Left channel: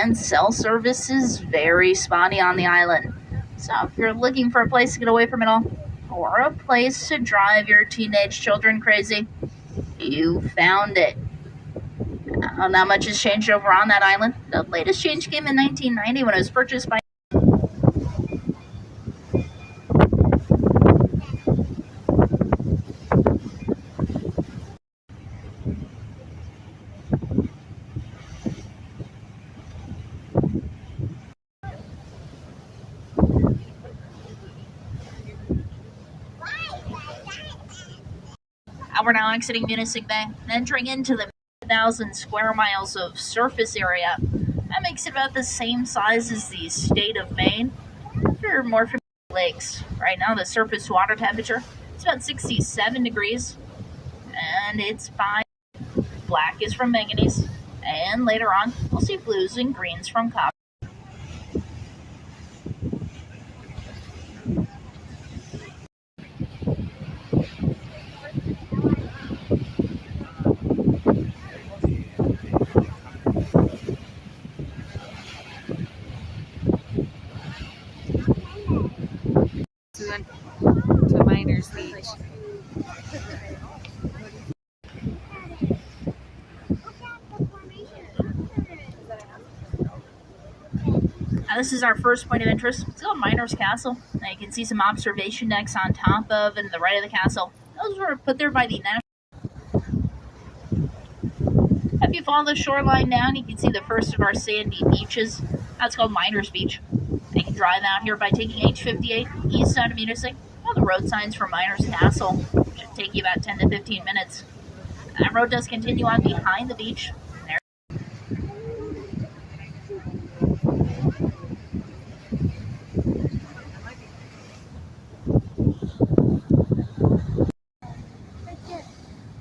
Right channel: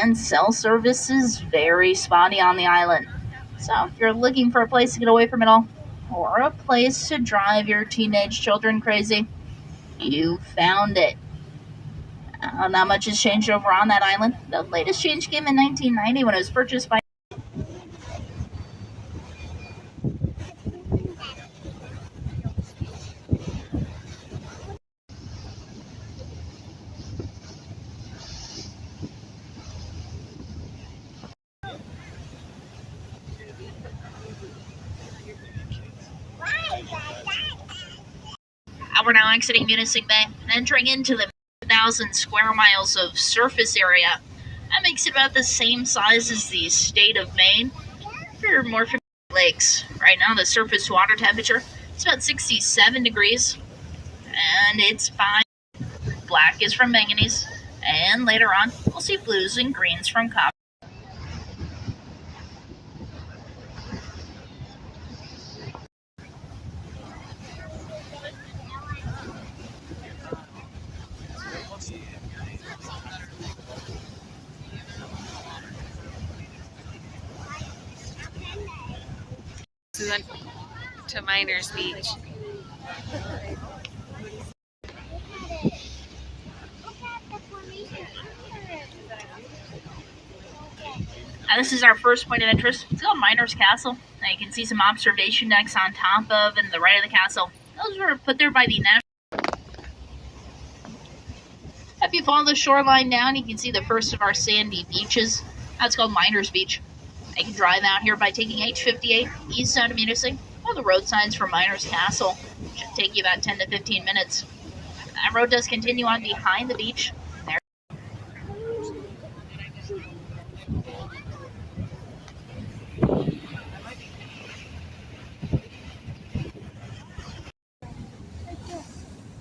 and cell service is very spotty on the island. So if you're looking for a place to get away from it all, or a place to drive your teenage children crazy, you found it. Not much has changed over on that island. The latest change came in 1990 when it was purchased by We're now exiting Munising Bay and entering into the 1,000 square miles of surface area. That makes it about the same size as the state of Maine. If you're more familiar with lakes, right now the surface water temperature is about 67 degrees, and it's fine. Black is from manganese, and later on we'll see blues and greens from copper. We went to Miners Beach. This is our first point of interest. It's called Miners Castle. Now you can see some observation decks on top of and the right of the castle. Those were put there by the National. If you follow the shoreline down, you can see the first of our sandy beaches. That's called Miners Beach. You can drive out here by taking H58 east out of Munising. All the road signs for Miners Castle should take you about 10 to 15 minutes. That road does continue on behind the beach. There.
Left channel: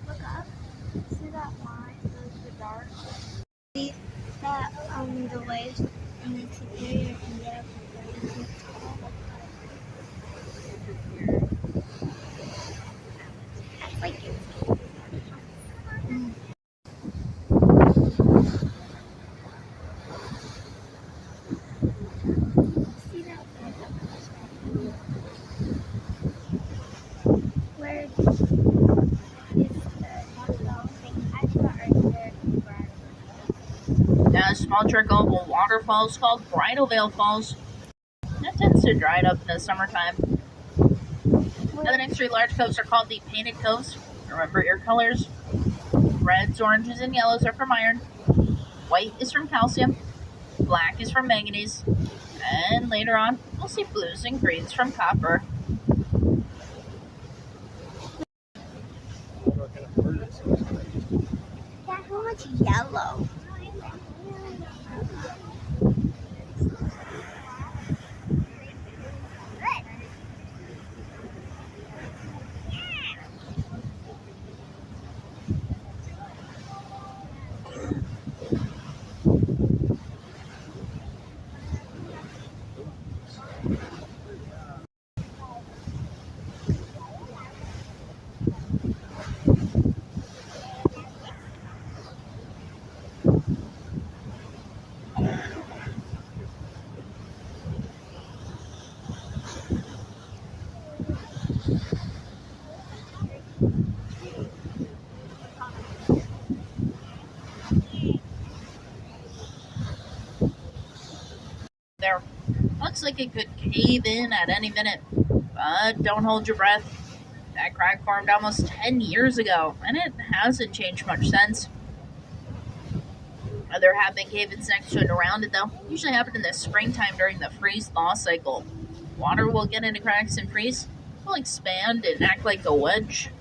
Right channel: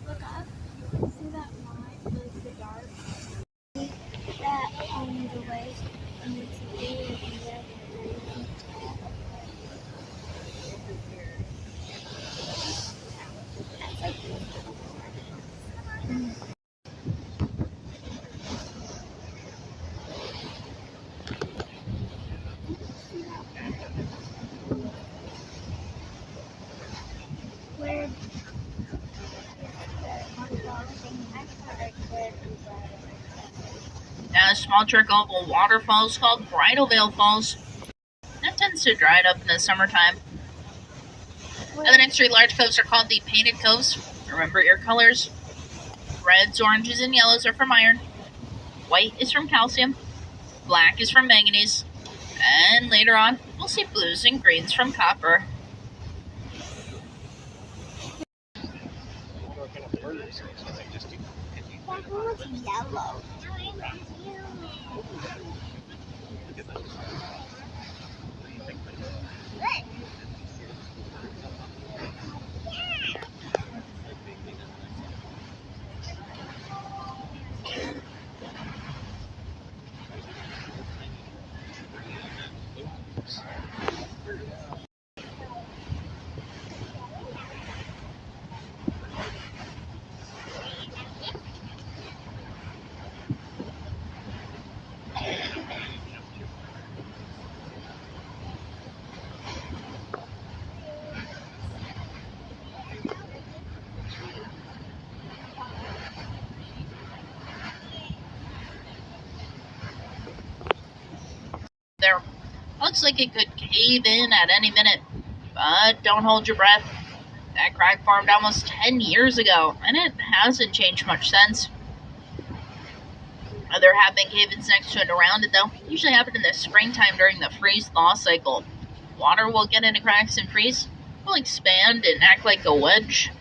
Look up. See that line? There's the dark. See that the waves and it's clear and yellow. That's like where A small trickle of waterfalls called Bridal Veil Falls. That tends to dry up in the summertime. And the next three large coves are called the Painted Coves. Remember your colors. Reds, oranges, and yellows are from iron. White is from calcium. Black is from manganese. And later on, we'll see blues and greens from copper. that one was yellow. There. Looks like it could cave in at any minute, but don't hold your breath. That crack formed almost 10 years ago, and it hasn't changed much since. There have been cave-ins next to it around it, though. Usually happen in the springtime during the freeze-thaw cycle. Water will get into cracks and freeze, will expand and act like a wedge.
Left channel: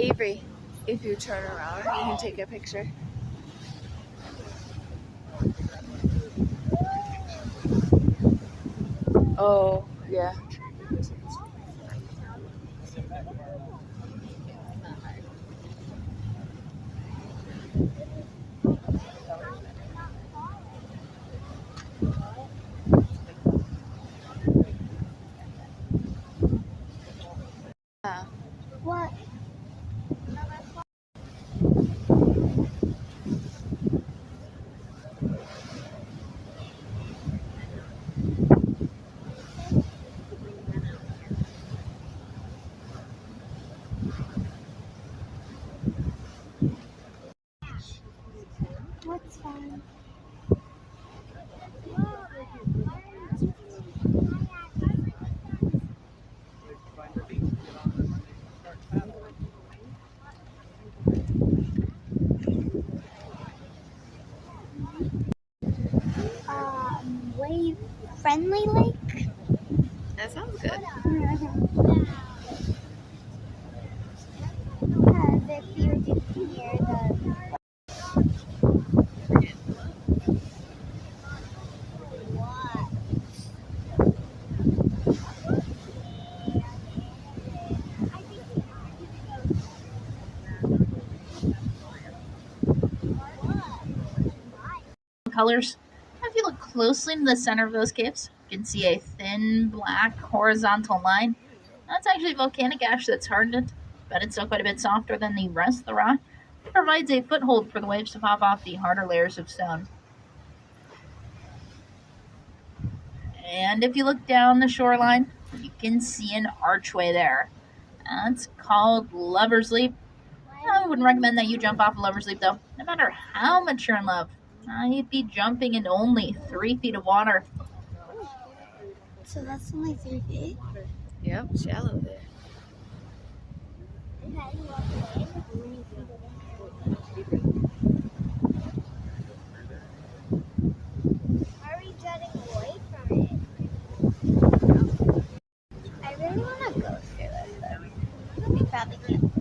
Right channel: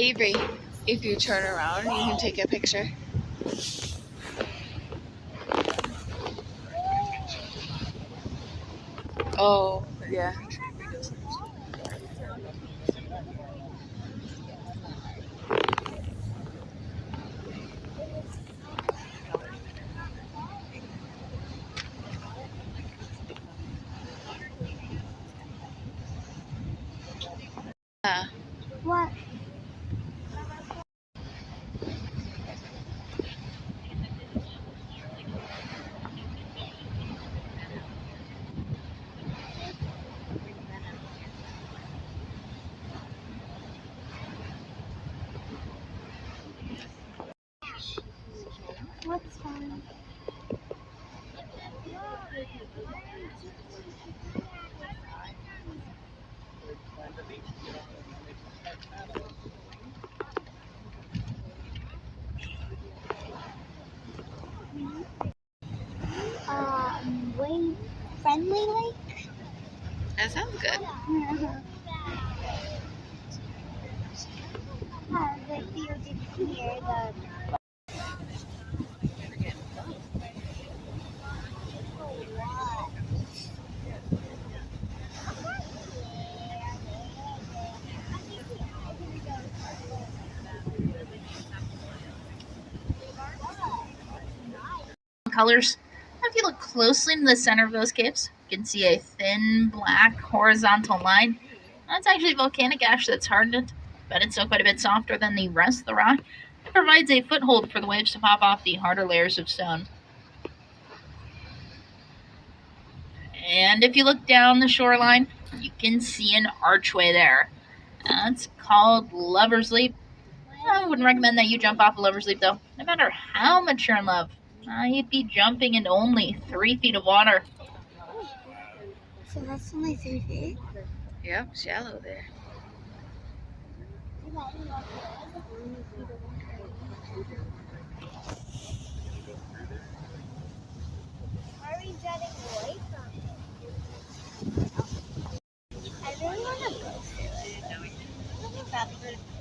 Avery, if you turn around, you can take a picture. Oh, yeah. Yeah. What? What's fun? Wave friendly lake? That sounds good. Because if you can hear the Colors. If you look closely in the center of those caves, you can see a thin black horizontal line. That's actually volcanic ash that's hardened, but it's still quite a bit softer than the rest of the rock. It provides a foothold for the waves to pop off the harder layers of stone. And if you look down the shoreline, you can see an archway there. It's called Lover's Leap. I wouldn't recommend that you jump off a Lover's Leap, though. No matter how much you're in love, you'd be jumping in only 3 feet of water. So that's only 3 feet? Yep, shallow there. Are we jetting away from it? I really want to go through it, though. I'm probably going to.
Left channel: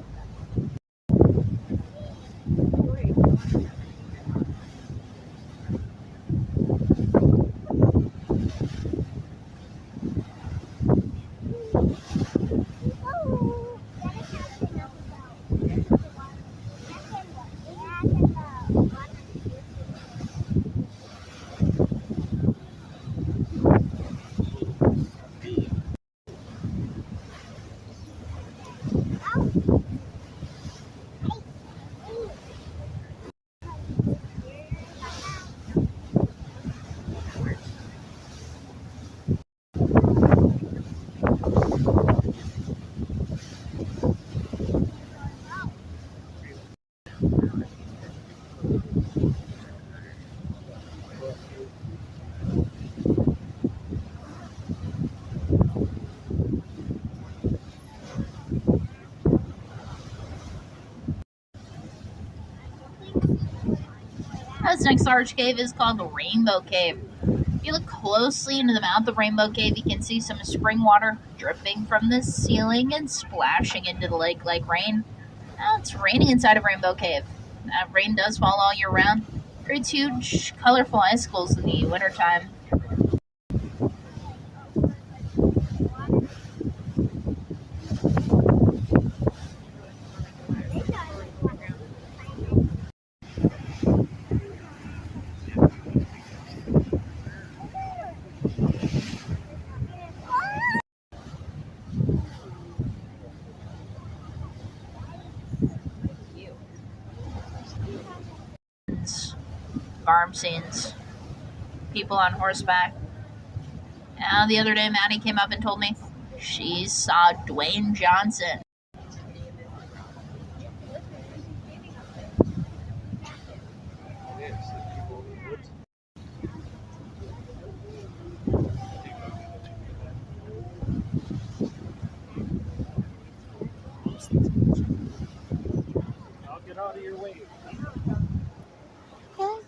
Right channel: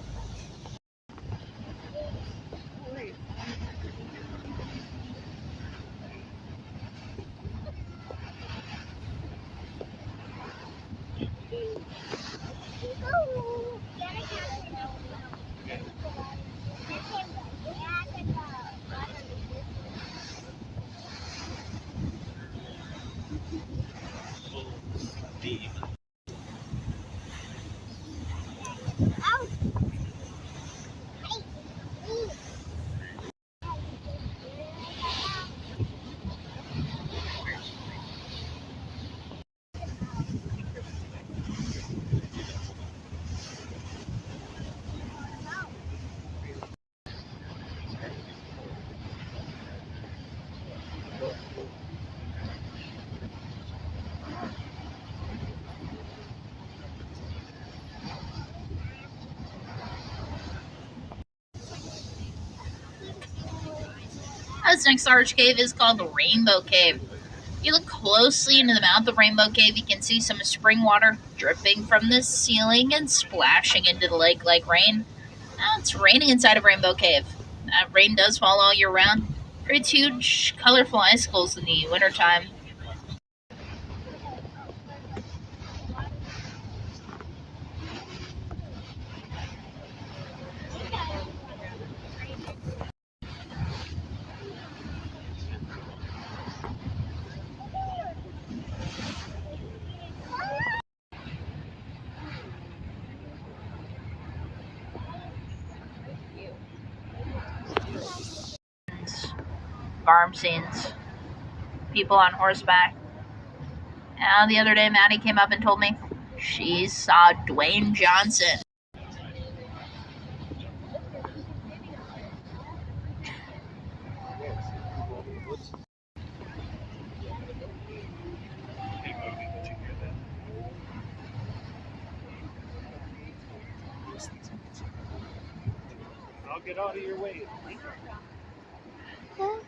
This next large cave is called the Rainbow Cave. If you look closely into the mouth of Rainbow Cave, you can see some spring water dripping from the ceiling and splashing into the lake like rain. Now it's raining inside of Rainbow Cave. Rain does fall all year round. Creates huge, colorful icicles in the wintertime. Farm scenes, people on horseback. And the other day, Maddie came up and told me she saw Dwayne Johnson. I'll get out of your way.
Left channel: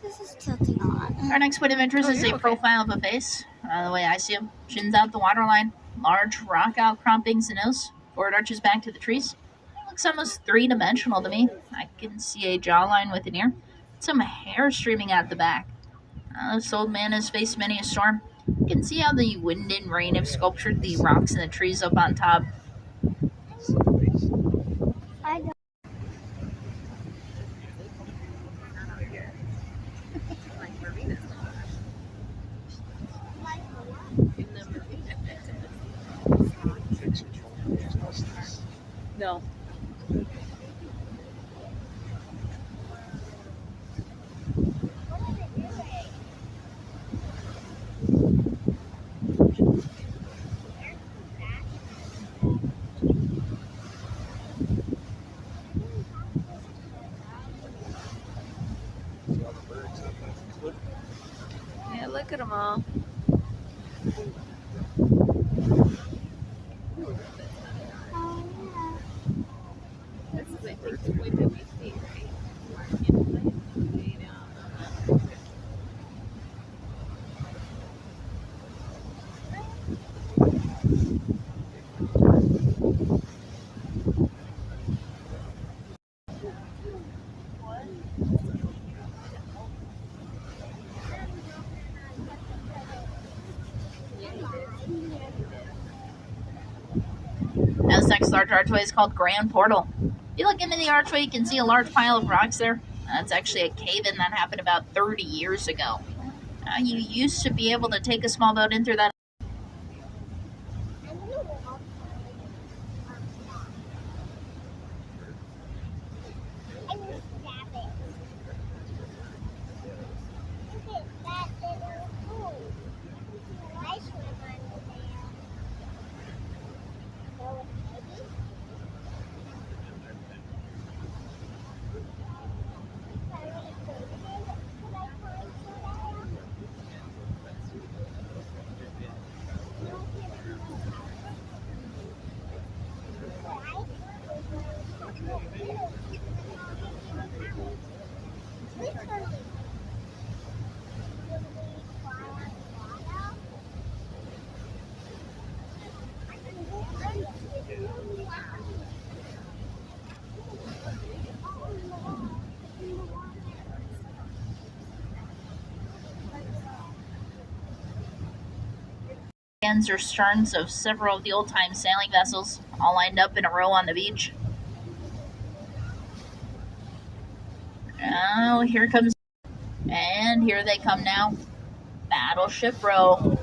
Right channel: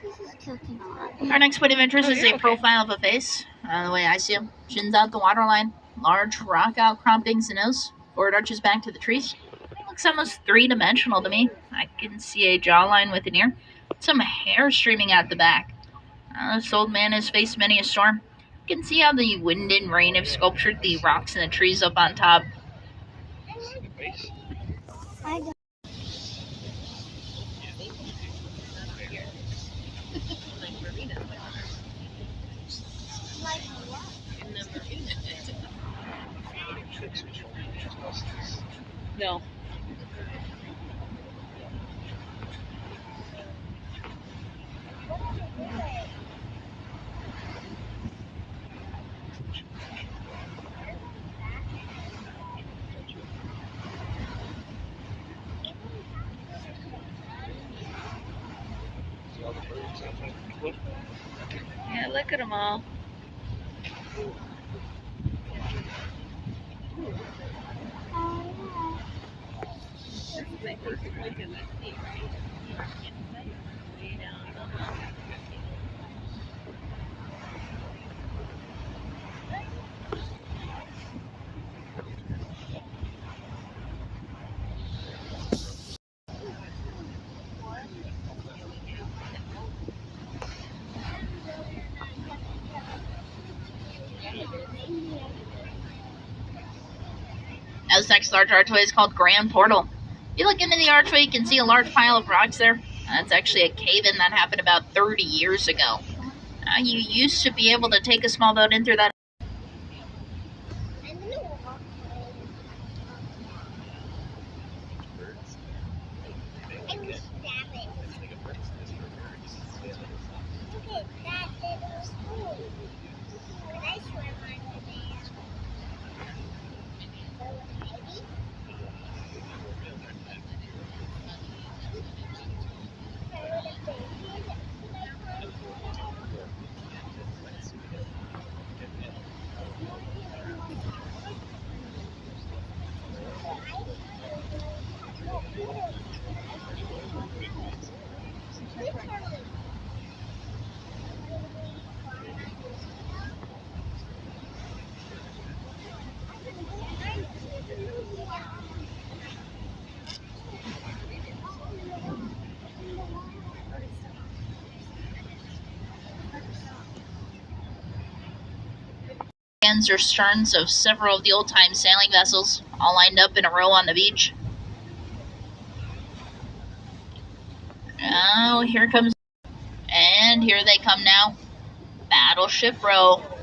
This is tilting a lot. Our next point of interest is a okay. profile of a face. The way I see him, shins out the waterline, large rock outcroppings and nose, forward arches back to the trees. Looks almost three-dimensional to me. I can see a jawline with an ear, some hair streaming out the back. This old man has faced many a storm. You can see how the wind and rain have sculptured the rocks and the trees up on top. I don't. No. Yeah, look at them all. Now, this next large archway is called Grand Portal. If you look into the archway, you can see a large pile of rocks there. That's actually a cave-in that happened about 30 years ago. You used to be able to take a small boat in through that. Ends or sterns of several of the old-time sailing vessels, all lined up in a row on the beach. Oh, here comes, and here they come now. Battleship Row.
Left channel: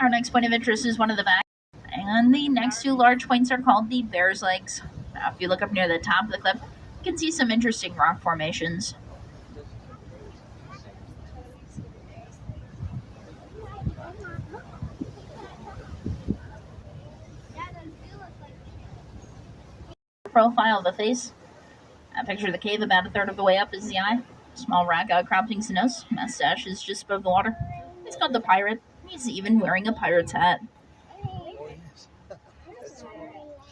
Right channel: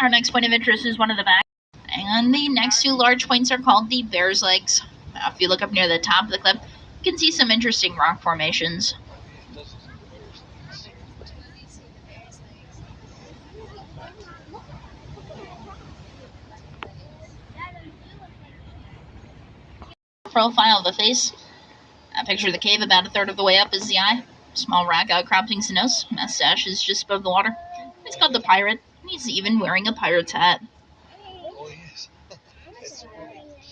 Our next point of interest is one of the back, and the next two large points are called the Bear's Legs. Now, if you look up near the top of the cliff, you can see some interesting rock formations. Profile of the face. A picture of the cave about a third of the way up is the eye. Small rock outcroppings the nose. Mustache is just above the water. He's called the Pirate. He's even wearing a pirate's hat. Oh, yes.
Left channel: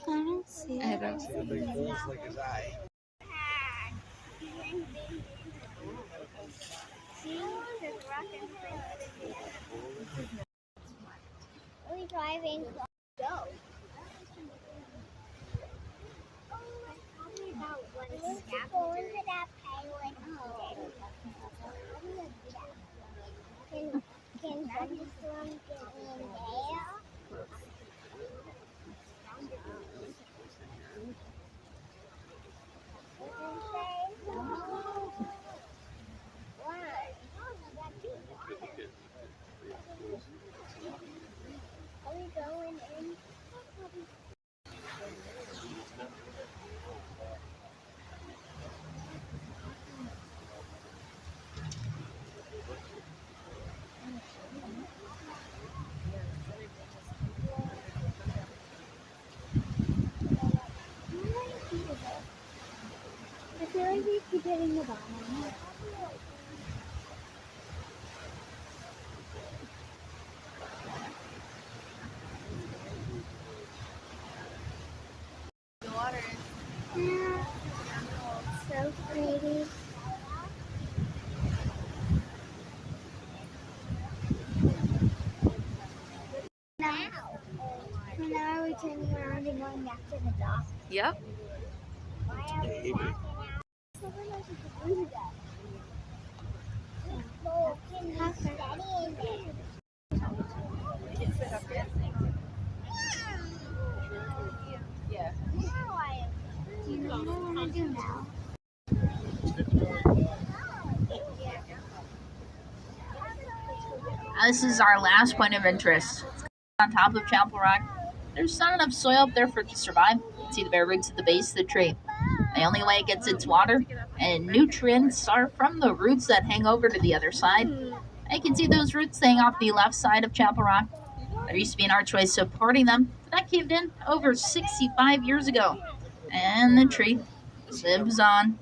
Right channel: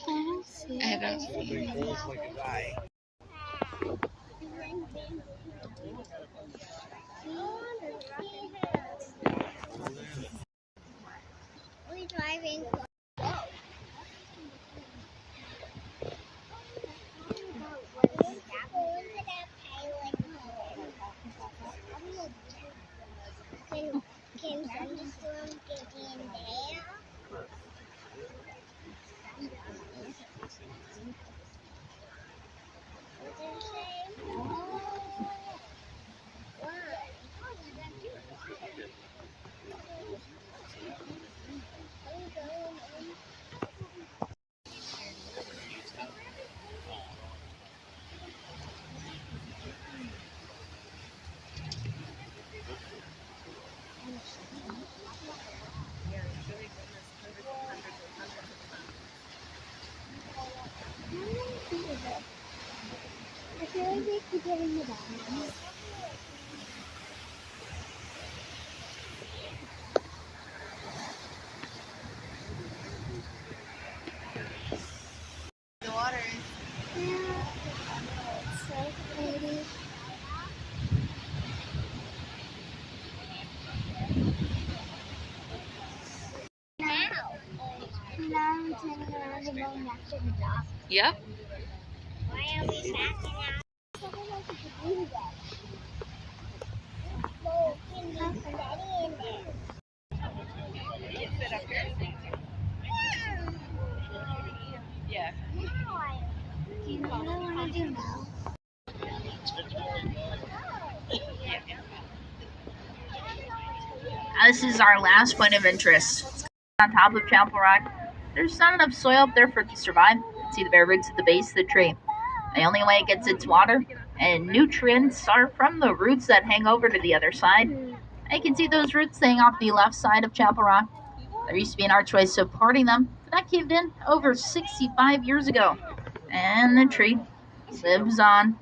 I don't see Big holes like his eye. We're driving. Can thunderstorm get in there? hitting the bottom. The water is. Yeah. So pretty. Now we're turning around and going back to the dock. Yep. Why are we backing out? I don't know if you can do that. No, how steady in there. Sit up here. Yeah. Do you know what I want to do now? This is our last point of interest. It's on top of Chapel Rock. There's not enough soil up there for it to survive. You can see the bare roots at the base of the tree. The only way it gets its water and nutrients are from the roots that hang over to the other side. And you can see those roots staying off the left side of Chapel Rock. There used to be an archway supporting them. That caved in over 65 years ago. And the tree lives on.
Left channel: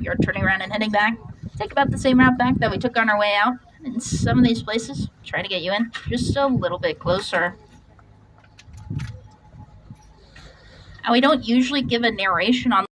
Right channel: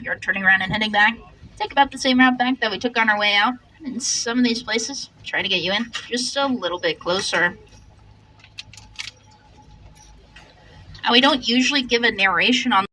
We are turning around and heading back. Take about the same route back that we took on our way out. In some of these places, try to get you in just a little bit closer. Now, we don't usually give a narration on